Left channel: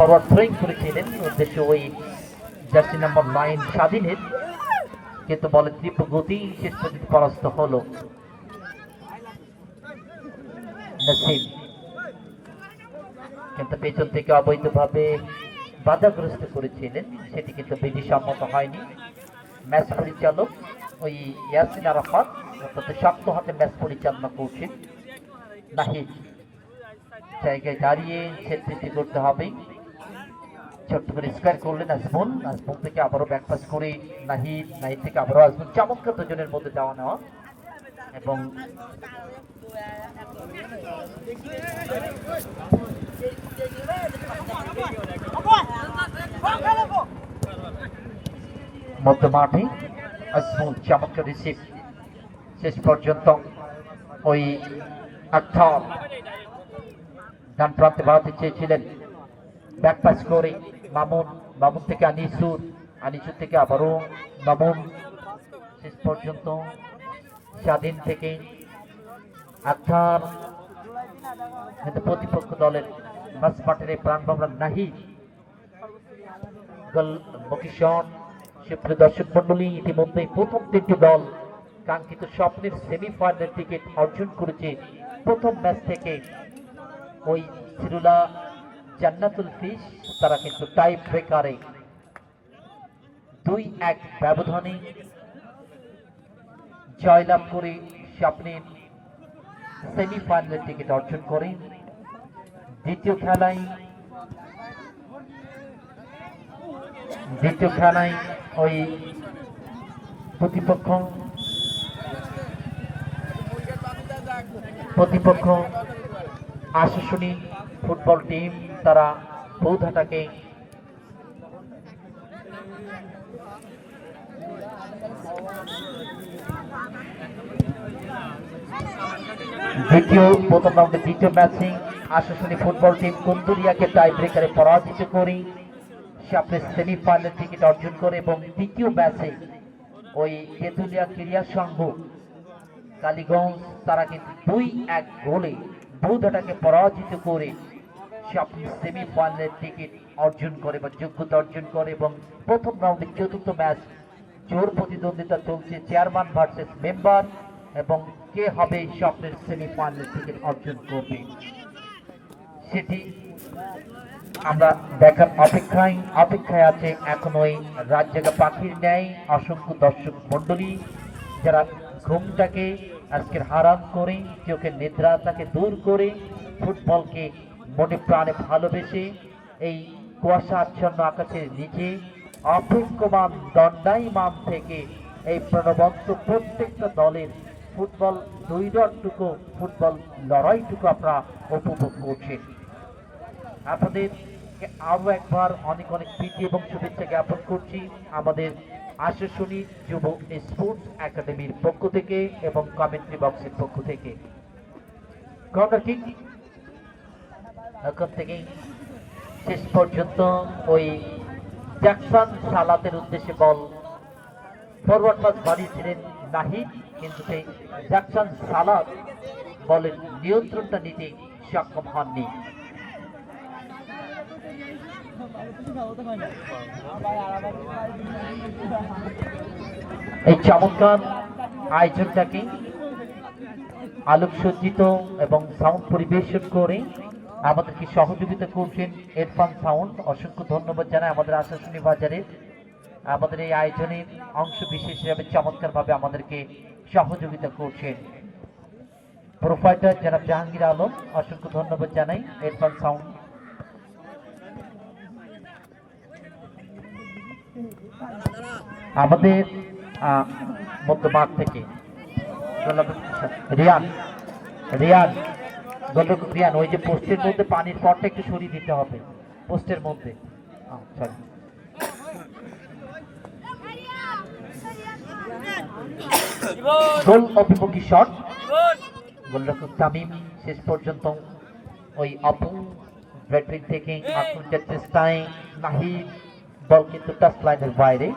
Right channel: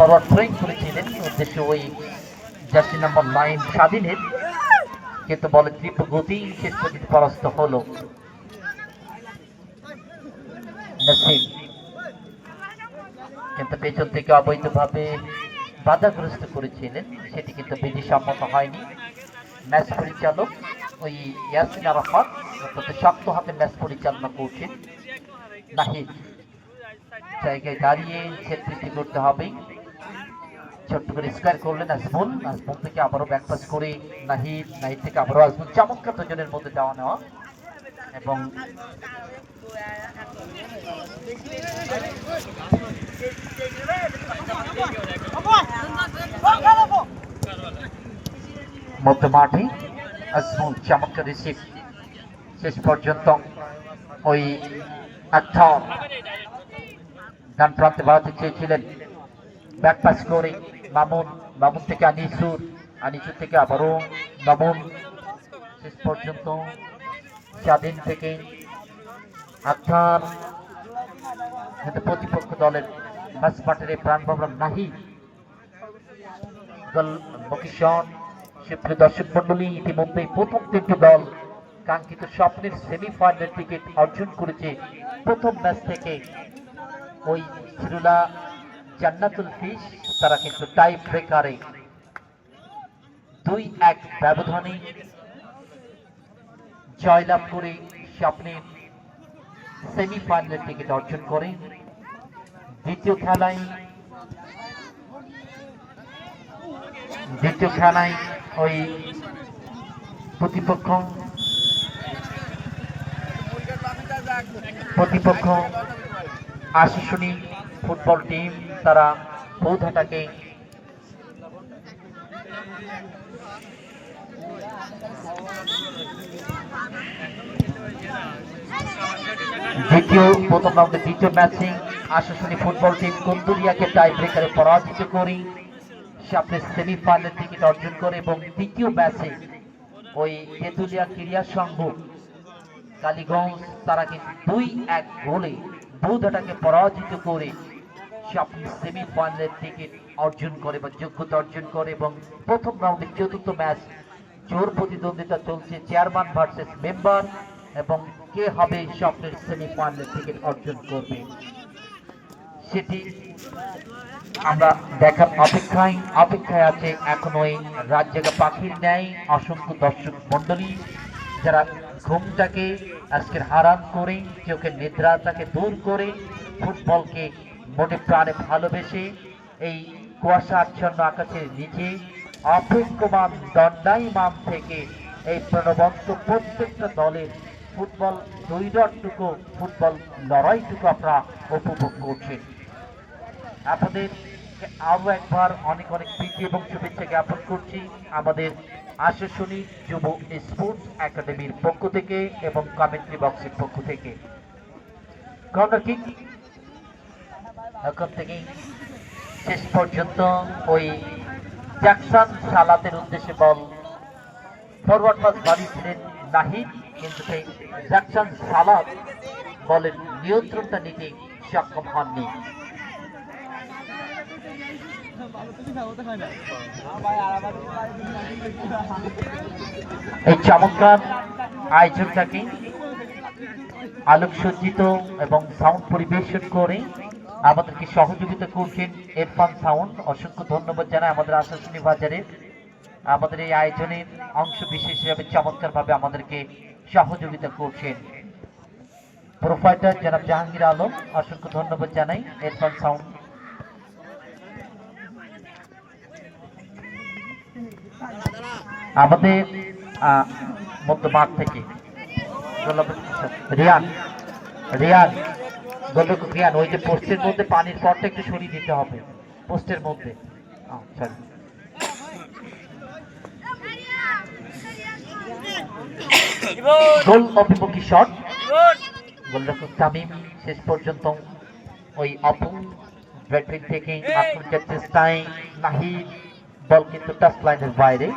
Forward throwing করেছিলেন উদ্দেশ্য ওই জার্সি নাম্বার 9 স্বাধীনের, কিন্তু বলে তীব্র গতি শেষ পর্যন্ত পরাস্ত হলো নসিম। কিন্তু পেছন থেকে অবৈধভাবে বাধাগ্রস্ত করেছিলেন, সেটি কিন্তু বিধিসম্মত হয়নি। ম্যাচ পরিচালক ওই ইয়াসিন আরাফাত অত্যন্ত শক্ত হাতে ম্যাচ পরিচালনা করছেন। নাহিদ জায়গায় দাঁড়িয়ে সেট বৃদ্ধি করতে হবে, ছোট্ট করে স্কোয়ার করলেন আজমল, আজমল থেকে আবারও ব্যাকপাস করে নাহিদ, নাহিদ থেকে আবারও আজমল, চমৎকার দুজনের মধ্যে দেওয়া নেওয়া। এবং মধ্য মাঠে আজমল চমৎকার রিসিভ, শেষ পর্যন্ত ওই একটা ডান প্রান্তে বাড়াতে চেয়েছিলেন, ব্যাকপাস করে মামুন, মামুন থেকে আনিসুর, আনিসুর থেকে আবারও মামুন, শেষ পর্যন্ত স্বাধীন থেকে আখার। কিন্তু প্রতিপক্ষ দলের মাঝ মাঠের প্রাণ ভ্রমণ নাহিদ গোলমুখী। সুপ্রিয় দর্শক মন্ডলী, ইতিমধ্যে প্রথম তিনটি দল কাঙ্ক্ষিত স্বপ্নের সেমিফাইনাল টিকিট অর্জন করেছে। প্রথম ম্যাচ থেকে ওই সিরুলা জান্নাতুল ফিশ তারা কিন্তু টাই ব্রেকারে 2-1 ব্যবধানে জয়লাভ করে স্বপ্নের সেমিফাইনাল টিকিট অর্জন করে। দ্বিতীয় খেলায় ওই প্রতিপক্ষ আশাশুনি ফুটবল টিম, তারা বৌধাটাকে প্রথম রাউন্ডের দ্বিতীয় ম্যাচে আশাশুনি ফুটবল টিম কুন্দুরিয়াকে টাই ব্রেকারে পরাজিত করে স্বপ্নের সেমিফাইনাল টিকিট অর্জন করে। এবং তৃতীয় ম্যাচে ওই তেঁতুলিয়া ক্রীড়া সংঘ কালীগঞ্জ তারা কিন্তু 2-1 গোলে বৌধাটাকে পরাজিত করে স্বপ্নের সেমিফাইনাল টিকিট অর্জন করে বা যোগ্যতা অর্জন করে। এবং প্রথম রাউন্ডের চতুর্থ ম্যাচ জোর প্রতিদ্বন্দ্বিতা চলছে চেয়ারম্যান ভার্সেস মেম্বার, এবং কে হবে স্বপ্নের সেমিফাইনাল টিকিট অর্জন করবে সেটি আমরা দেখার অপেক্ষায় আছে। এখন ওই রাত জাগা পাখির ন্যায় অসংখ্য দর্শক মন্ডলী যারা ঘুমটাকে আজকের হারাম করে, চোখের নিদ্রাটাকে দূর করে, ফুটবলকে মনে প্রাণে ভালোবেসে এই কুয়াশা আচ্ছন্ন আকাশের নিচে অপেক্ষমান দণ্ডায়মান থেকে এই প্রাণবন্ত প্রত্যেকটা দলের ফুটবল দৈরটুকু, ফুটবল লড়াইটুকু আপনারা উপভোগ করছেন। আপনাদের আরো একবার অনেক অনেক প্রীতি এবং শুভেচ্ছা জ্ঞাপন করছি আমাদের আশাশুনি যুব স্পোর্টস একাডেমির পক্ষ থেকে এবং কমেন্ট্রি বক্সের পক্ষ থেকে। কর্নার কিক এখন থেকে শেষ পর্যন্ত ওই জ্যাকসন সালাতের উদ্দেশ্যে বল ফরওয়ার্ড পাস বাড়িয়েছিলেন নাহিদ, কিন্তু সেই জ্যাকসন সালাত বলের নিয়ন্ত্রণটা নিতে সক্ষম হননি। এই চমৎকার আয়োজনটাকে আলোকসজ্জিত এবং সাউন্ড পরিবেশন করে আমাদেরকে সহযোগিতা করছেন ইরফান সাউন্ড। অসংখ্য ধন্যবাদ জানাই আমাদের আশাশুনি বাজারের আমাদের এই আয়োজনের অংশ বিশেষ হিসাবে চমৎকারভাবে আমাদেরকে সহযোগিতা করছেন প্রোফাইটার জনাব জাহাঙ্গীর আলম। অসংখ্য ধন্যবাদ জানাই ইরফান সাউন্ড। আমাদের মধ্যমাঠ থেকে রিয়ান ওই যে পোস্টের মধ্যে পানির পটটা একটু সরিয়ে দিতে হবে, পোস্টের মধ্যে। গোল অভিমুখী শট, গোলরক্ষক তামিম শেষ পর্যন্ত ওই অপন ব্যাটিং থেকে আক্রমণের চেষ্টায় নাহিদ, বল কিন্তু টাচ লাইনের বাইরে।